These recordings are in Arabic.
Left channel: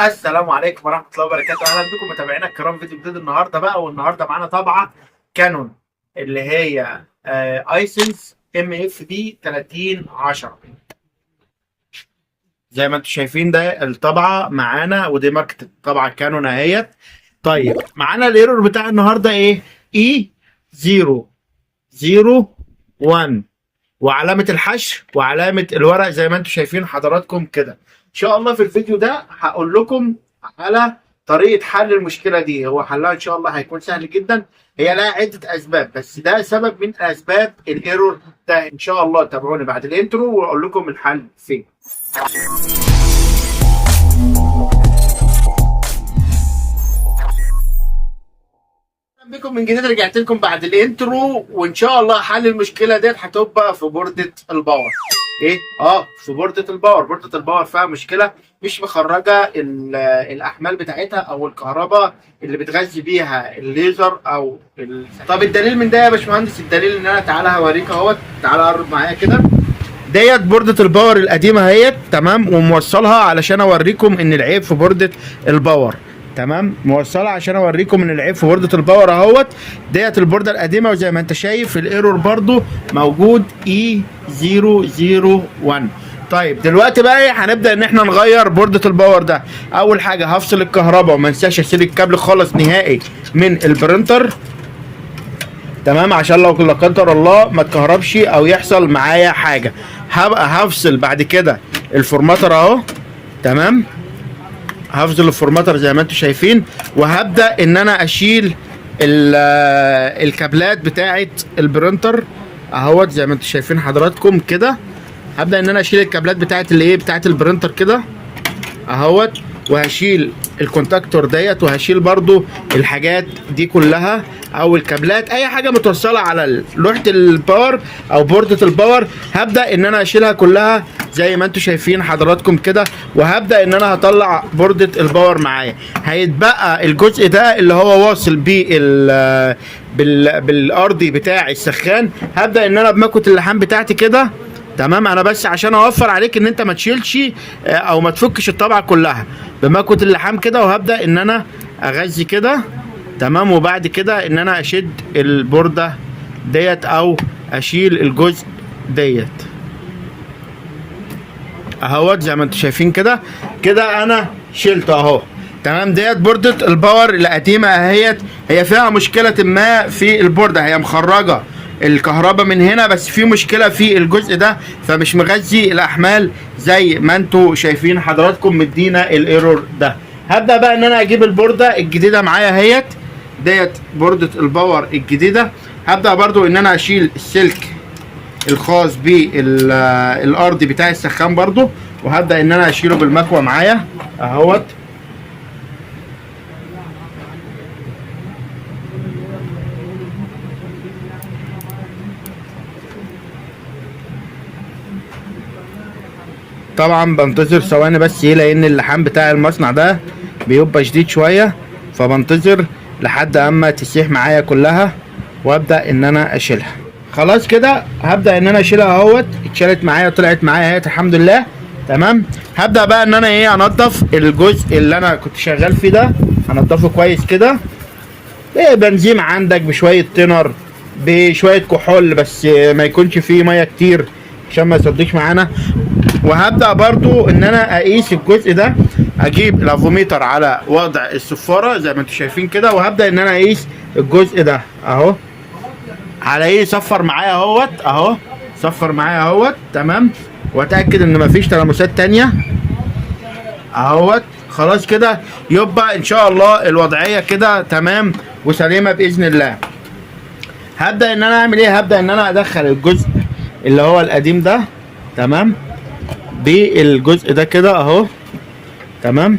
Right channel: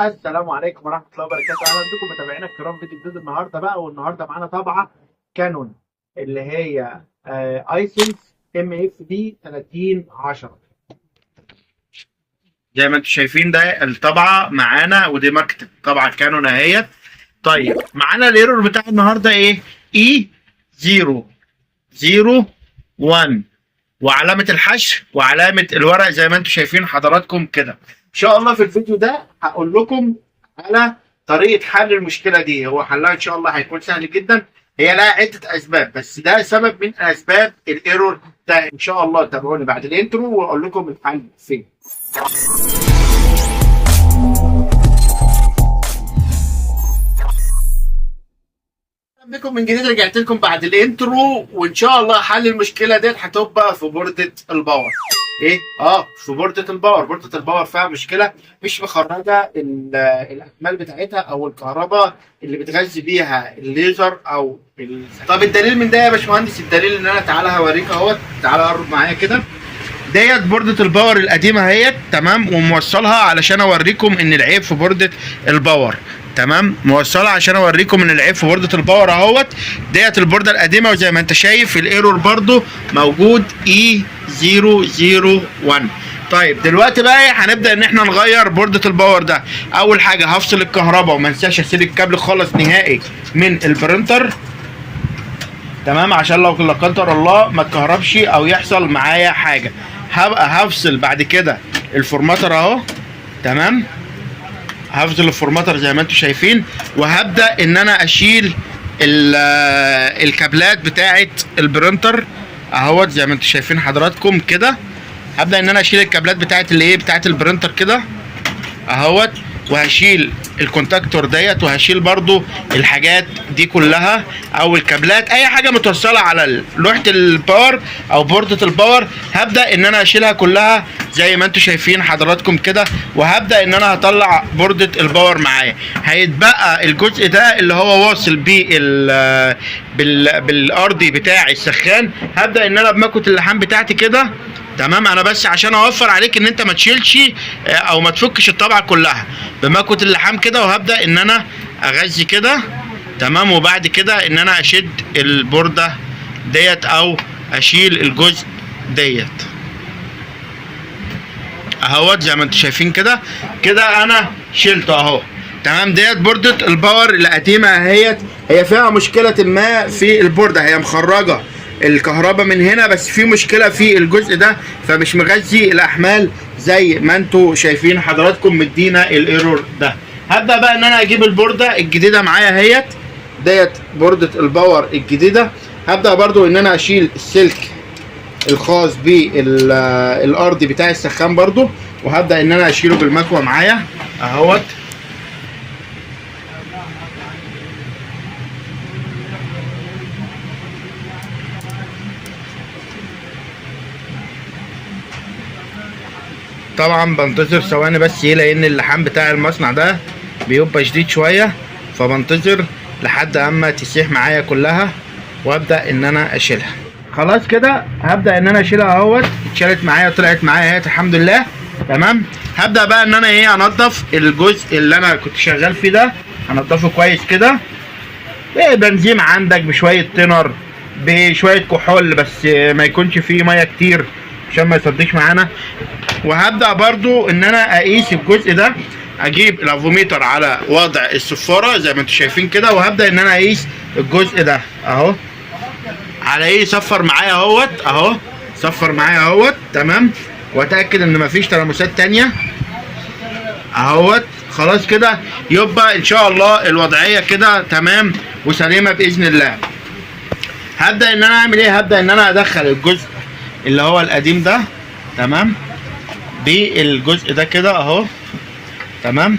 السلام عليكم ورحمة الله وبركاته. أهلا بكم متابعينا الكرام، فيديو جديد النهاردة بقى. والنهاردة معانا طبعة كانون اللي هي ايسنس ام اف بي 3010. زي ما انتم شايفين ده الطبعة معانا، ودي ماركة طبعة كانون اهيت. طيب معانا الايرور بتاع النهاردة ايه؟ اي 001 وعلامة الحشر وعلامة الورق زي ما انتم شايفين حضراتكم كده. ان شاء الله في الفيديو ده هقول لكم على طريقة حل المشكلة دي. هو حلها ان شاء الله هيكون سهل جدا. هي لها عدة اسباب، بس ده سبب من اسباب الايرور ده. ان شاء الله تابعوني بعد الانترو واقول لكم الحل فين. بكم من جديد، رجعت لكم بعد الانترو، وان شاء الله حل المشكله ديت هتبقى في بورده الباور. ايه؟ في بورده الباور. بورده الباور فيها مشكله، مش مخرجه الاحمال بتاعتها او الكهرباء اللي بتغذي بيها الليزر طب الدليل من ده يا باشمهندس؟ الدليل ان انا تعالى هوريك اهوت. تعالى قرب معايا كده. ديت بوردة الباور القديمة اهيت، تمام، وموصلها علشان اوريكم ان العيب في بوردة الباور. تمام، موصلها عشان اوريكم ان العيب في بوردة الباور اهوت. ديت البوردة القديمة، وزي ما انت شايف الايرور برضو موجود اي 001. طيب دلوقتي بقى ايه؟ هنبدا ان احنا نغير بوردة الباور ده. اول حاجة هفصل الكهرباء، وما انساش اسيب الكابل خالص نهائي من البرينتر، تمام، عشان لو لا قدر الله ما تكهربش او يحصل معايا حاجه. هبقى هفصل بعد كده الفورماتر اهو، تمام، هفصل الفورماتر زي ما انتم شايفين، وهبدا ان انا اشيل الكابلات بتاعه البرينتر اهوت زي ما انتم شايفين حضراتكم كده. هبدا ان انا اشيل الكابلات بتاعه بتاعه البرينتر كده اهوت، وهشيل الكونتاكتور ديت، وهشيل برضو الحاجات دي كلها او الكابلات، اي حاجه متوصله على لوحه الباور او بوردة الباور. هبدا ان انا اشيلها كلها زي ما انتم شايفين حضراتكم كده، وهبدا ان انا هطلع بوردة الباور معايا. هيتبقى الجزء ده اللي هو واصل بالارضي بتاع السخان. هبدا ان انا بمكوة اللحام بتاعتي كده، تمام، انا بس عشان اوفر عليك ان انت ما تشيلش او ما تفكش الطبعه كلها، بمكوة اللحام كده. وهبدا ان انا اغذي كده، تمام، وبعد كده ان انا اشد البورده ديت او اشيل الجزء ديت اهوت زي ما انتم شايفين كده. كده انا شلته اهو، تمام. ديت بوردة الباور القديمه اهيت. هي فيها مشكله ما في البورده، هي مخرجه الكهرباء من هنا، بس في مشكله في الجزء ده، فمش مغذي الاحمال زي ما انتم شايفين حضراتكم، مدينا الايرور ده. هبدا بقى ان انا اجيب البورده الجديده معايا اهيت. ديت بورده الباور الجديده. هبدا برضو ان انا اشيل السلك الخاص بالارضي بتاع السخان برضو، وهبدا ان انا اشيله بالمكوه معايا اهوت. طبعا بنتظر ثواني بس، ايه، لان اللحام بتاع المصنع ده بيبقى شديد شويه، فبنتظر لحد اما تسيح معايا كلها، وابدا ان انا اشيلها. خلاص كده هبدا ان انا اشيلها اهوت. اتشالت معايا، طلعت معايا اهي الحمد لله، تمام. هبدا بقى ان انا انضف الجزء اللي انا كنت شغال فيه ده، انضفه كويس كده بنزين عندك، بشويه تنر، بشويه كحول، بس ما يكونش فيه ميه كتير عشان ما يصدقش معانا. وهبدا برضو ان انا اقيس الجزء ده، اجيب الافوميتر على وضع الصفاره زي ما انتم شايفين كده، وهبدا ان انا اقيس الجزء ده اهو على صفر معايا اهوت، اهو صفر معايا اهوت، تمام، واتاكد ان مفيش تلامسات تانية اهوت. خلاص كده يبقى ان شاء الله الوضعيه كده تمام وسليمه باذن الله. هبدا ان انا اعمل ايه؟ هبدا ان انا ادخل الجزء اللي هو القديم ده، تمام، بالجزء ده كده اهو، تمام،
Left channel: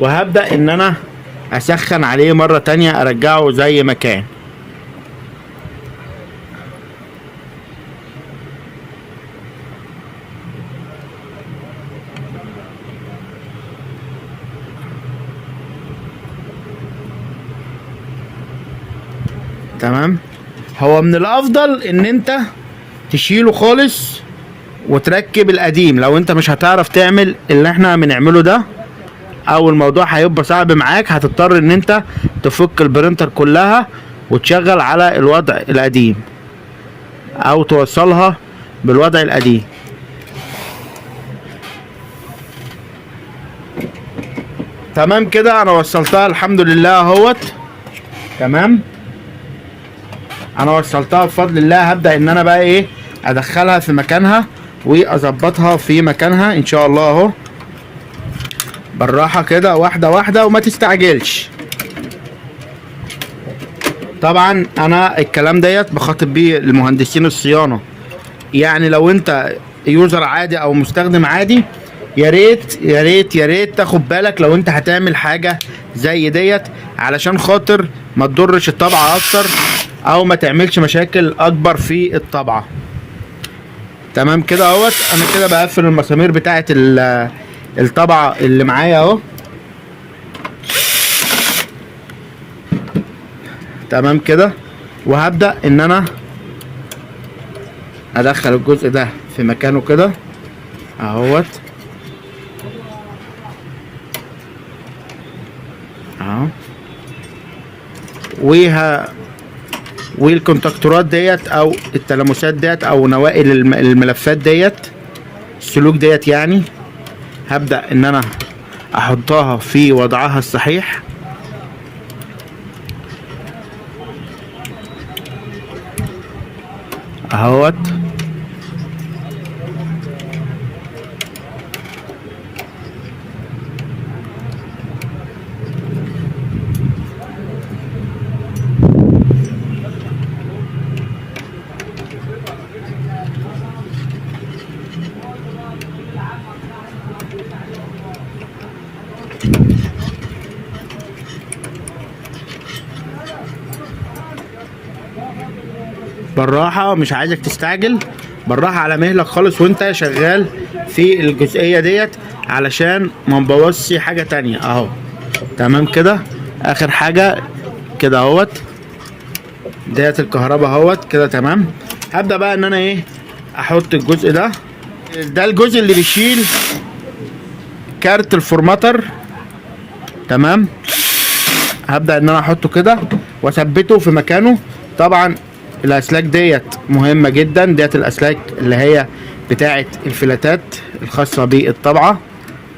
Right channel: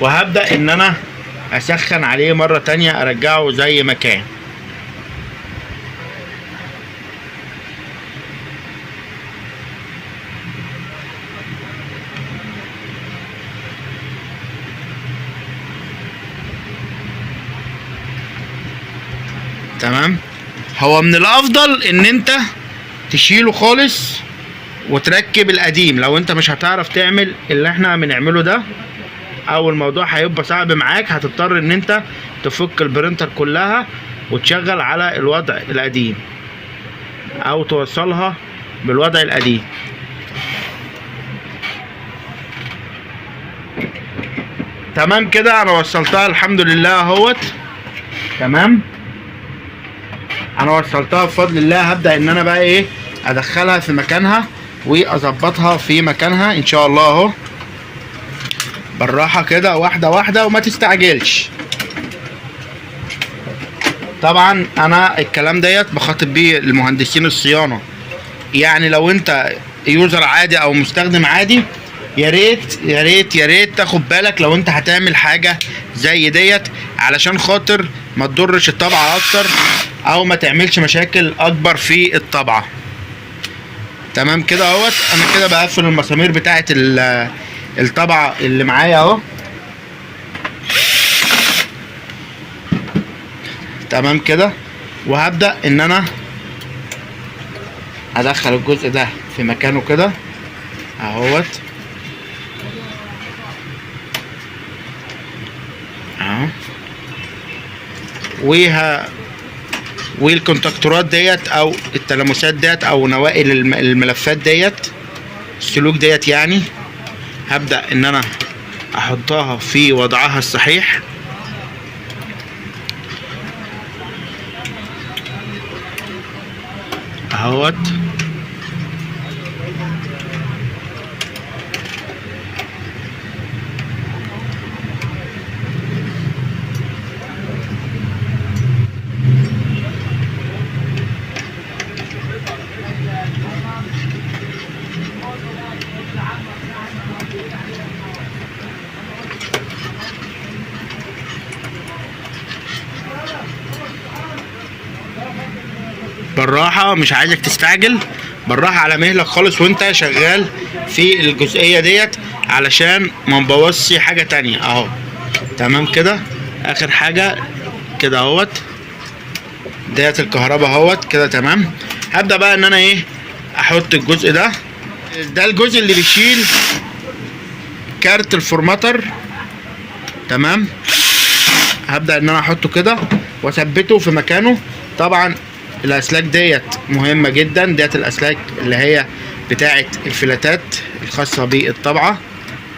وهبدأ ان انا اسخن عليه مرة تانية، ارجعه زي ما كان. تمام. هو من الافضل ان انت تشيله خالص وتركب القديم. لو انت مش هتعرف تعمل اللي احنا بنعمله ده او الموضوع هيبقى صعب معاك، هتضطر ان انت تفك البرينتر كلها وتشغل على الوضع القديم او توصلها بالوضع القديم. تمام كده انا وصلتها الحمد لله اهوت. تمام انا وصلتها بفضل الله. هبدأ ان انا بقى ايه ادخلها في مكانها واظبطها في مكانها ان شاء الله اهو، بالراحة كده واحدة واحدة وما تستعجلش. طبعا انا الكلام ديت بخاطب بيه المهندسين الصيانة، يعني لو انت يوزر عادي او مستخدم عادي يا ريت يا ريت يا ريت تاخد بالك لو انت هتعمل حاجة زي ديت، علشان خاطر ما تضرش الطبعة اكتر او ما تعملش مشاكل اكبر في الطبعة. تمام كده اهوت. انا كده بقفل المسامير بتاعت الطبعة اللي معايا اهو. تمام كده. وهبدأ ان انا ادخل الجزء ده في مكانه كده اهوت اهو. والكونتاكتورات ديت او التلامسات ديت او نوائل الملفات ديت السلوك ديت، يعني هبدأ ان انا احطها في وضعها الصحيح اهوت. بالراحة، مش عايزك تستعجل، بالراحة على مهلك خالص وانت شغال في الجزئية ديت علشان ما نبوظش حاجة تانية اهو. تمام كده. اخر حاجة كده اهوت ديت الكهرباء اهوت كده. تمام. هبدأ بقى ان انا ايه احط الجزء ده الجزء اللي بيشيل كارت الفورماتر. تمام. هبدأ ان انا احطه كده واثبته في مكانه. طبعا الاسلاك ديت مهمة جدا، ديت الاسلاك اللي هي بتاعة الفلاتات الخاصة بالطبعة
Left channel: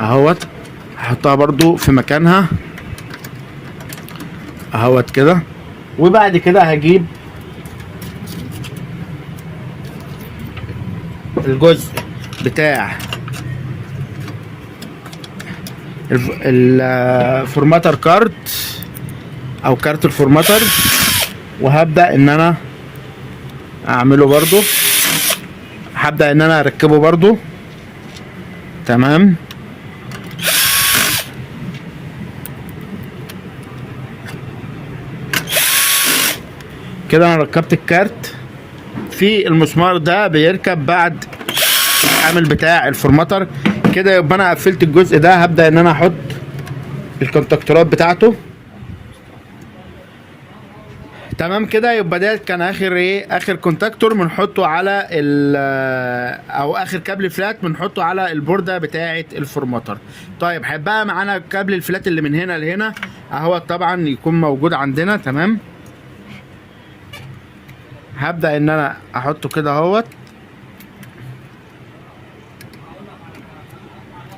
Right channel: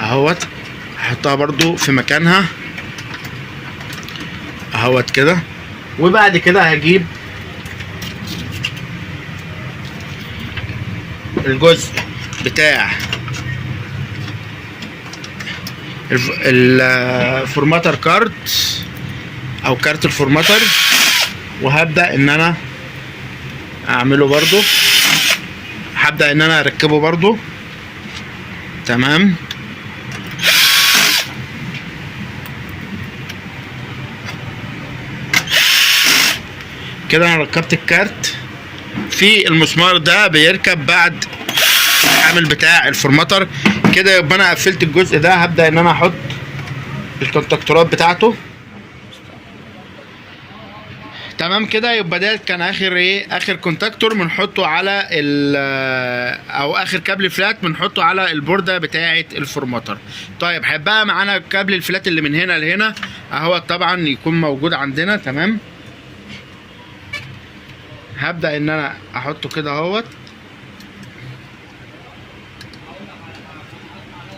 اهوت. هحطها برضو في مكانها اهوت كده. وبعد كده هجيب الجزء بتاع الفورماتر كارت او كارت الفورماتر، وهبدأ ان انا اعمله برضو، هبدأ ان انا اركبه برضو. تمام. كده انا ركبت الكارت في المسمار ده، بيركب بعد العامل بتاع الفورماتر كده. يبقى انا قفلت الجزء ده. هبدأ ان انا احط الكونتاكتورات بتاعته. تمام كده. يبقى ده كان اخر كونتاكتور بنحطه على او اخر كابل فلات بنحطه على البورده بتاعه الفورماتر. طيب هيبقى معانا كابل الفلات اللي من هنا لهنا اهو، طبعا يكون موجود عندنا. تمام. هبدأ ان انا احطه كده اهوت.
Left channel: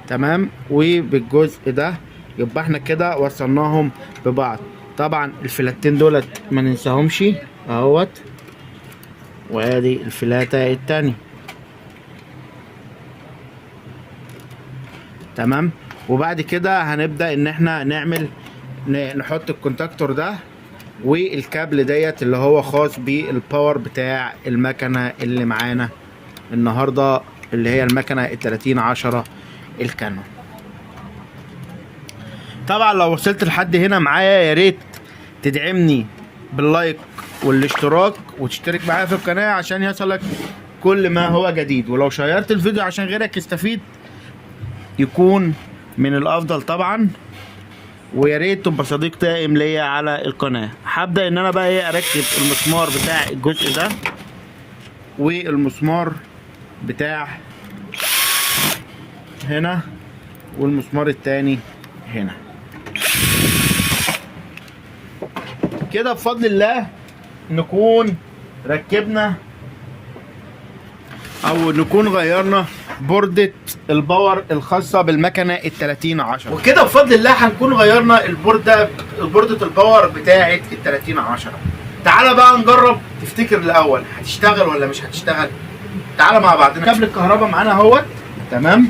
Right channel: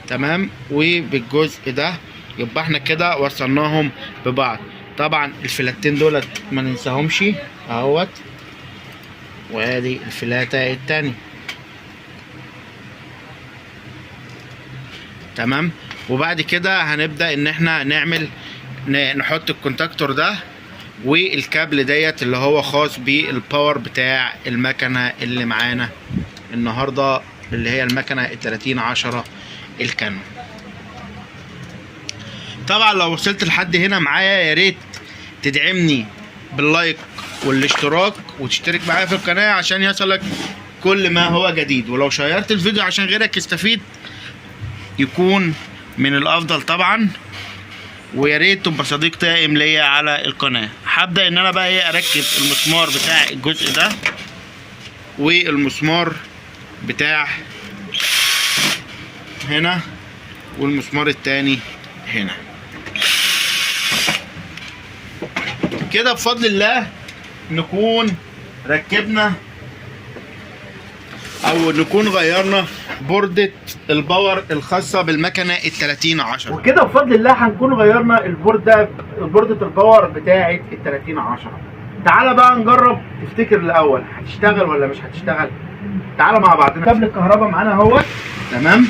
تمام. وبالجزء ده يبقى احنا كده وصلناهم ببعض. طبعا الفلاتين دولت ما ننساهمش اهوت، وادي الفلاتة التانية. تمام. وبعد كده هنبدأ ان احنا نحط الكونتاكتور ده والكابل ديت اللي هو خاص بالباور بتاع المكنة اللي معانا النهاردة، اللي هي المكنة 3010 الكانون. طبعا لو وصلت لحد هنا معايا يا ريت تدعمني باللايك والاشتراك وتشترك معايا في القناة عشان يصلك كل ما هو جديد. ولو شيرت الفيديو عشان غيرك يستفيد يكون من الافضل طبعا. ويا ريت تبقى صديق دائم ليا على القناة. هبدأ ان انا بقى ايه اركب المسمار بتاع الجزء ده والمسمار بتاع هنا والمسمار التاني هنا كده. بفضل الله نكون ركبنا او نكون غيرنا بوردة الباور الخاصة بالمكنة ال3010. وكده بفضل الله هنكون غيرنا بوردة الباور بتاعة ال3010. تعالى بقى نجرب. تفتكر الاول هتشتغل ولا مش هتشتغل؟ تعالى مع بعضنا. كابل الكهرباء معانا اهوت، تمام،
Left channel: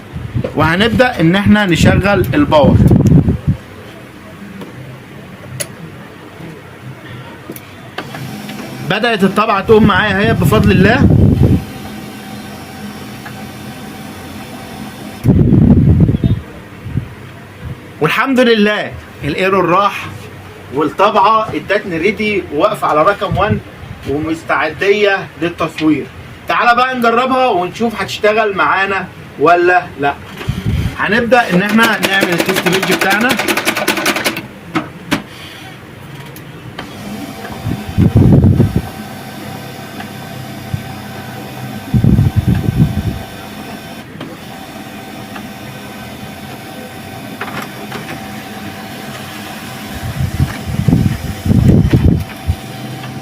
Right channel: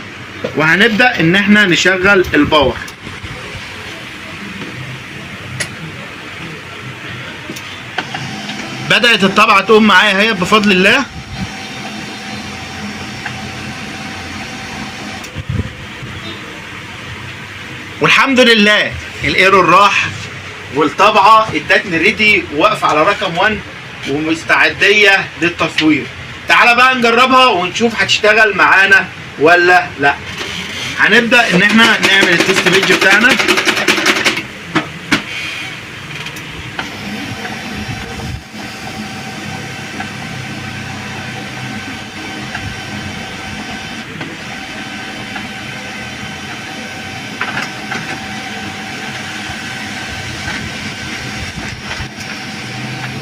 وهنبدأ ان احنا نشغل الباور. بدأت الطبعة تقوم معايا اهي بفضل الله. والحمد لله الايرور راح والطبعة ادتني ريدي واقفة على رقم 1 ومستعدية للتصوير. تعالى بقى نجربها ونشوف هتشتغل معانا ولا لا. هنبدأ ان احنا نعمل التست بيج بتاعنا.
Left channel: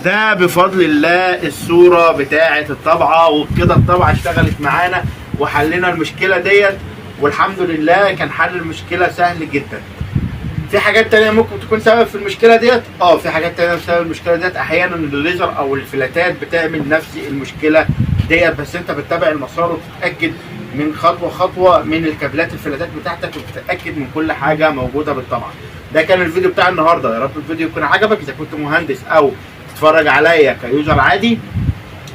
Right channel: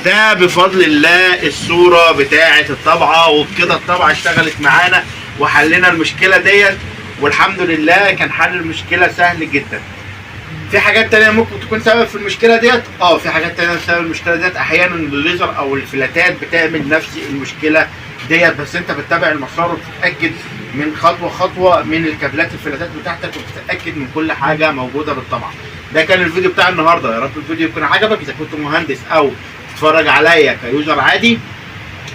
ده بفضل الله الصورة بتاعة الطبعة. وبكده الطبعة اشتغلت معانا وحلنا المشكلة ديت، والحمد لله كان حل المشكلة سهل جدا. في حاجات تانية ممكن تكون سبب في المشكلة ديت، في حاجات تانية سبب المشكلة ديت. احيانا الليزر او الفلاتات بتعمل نفس المشكلة ديت، بس انت بتتابع المسار وتتأكد من خطوة من الكابلات الفلاتات بتاعتك، وتتأكد من كل حاجة موجودة بالطبعة. ده كان الفيديو بتاع النهاردة. يا رب الفيديو يكون عجبك. اذا كنت مهندس او تتفرج عليا كيوزر عادي،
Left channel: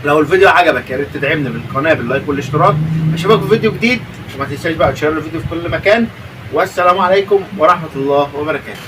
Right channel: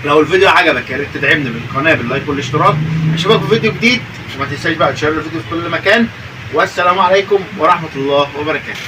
لو الفيديو عجبك يا ريت تدعمني بالقناه باللايك والاشتراك. اشوفك في فيديو جديد، وما تنساش بقى تشير الفيديو في كل مكان. والسلام عليكم ورحمه الله وبركاته.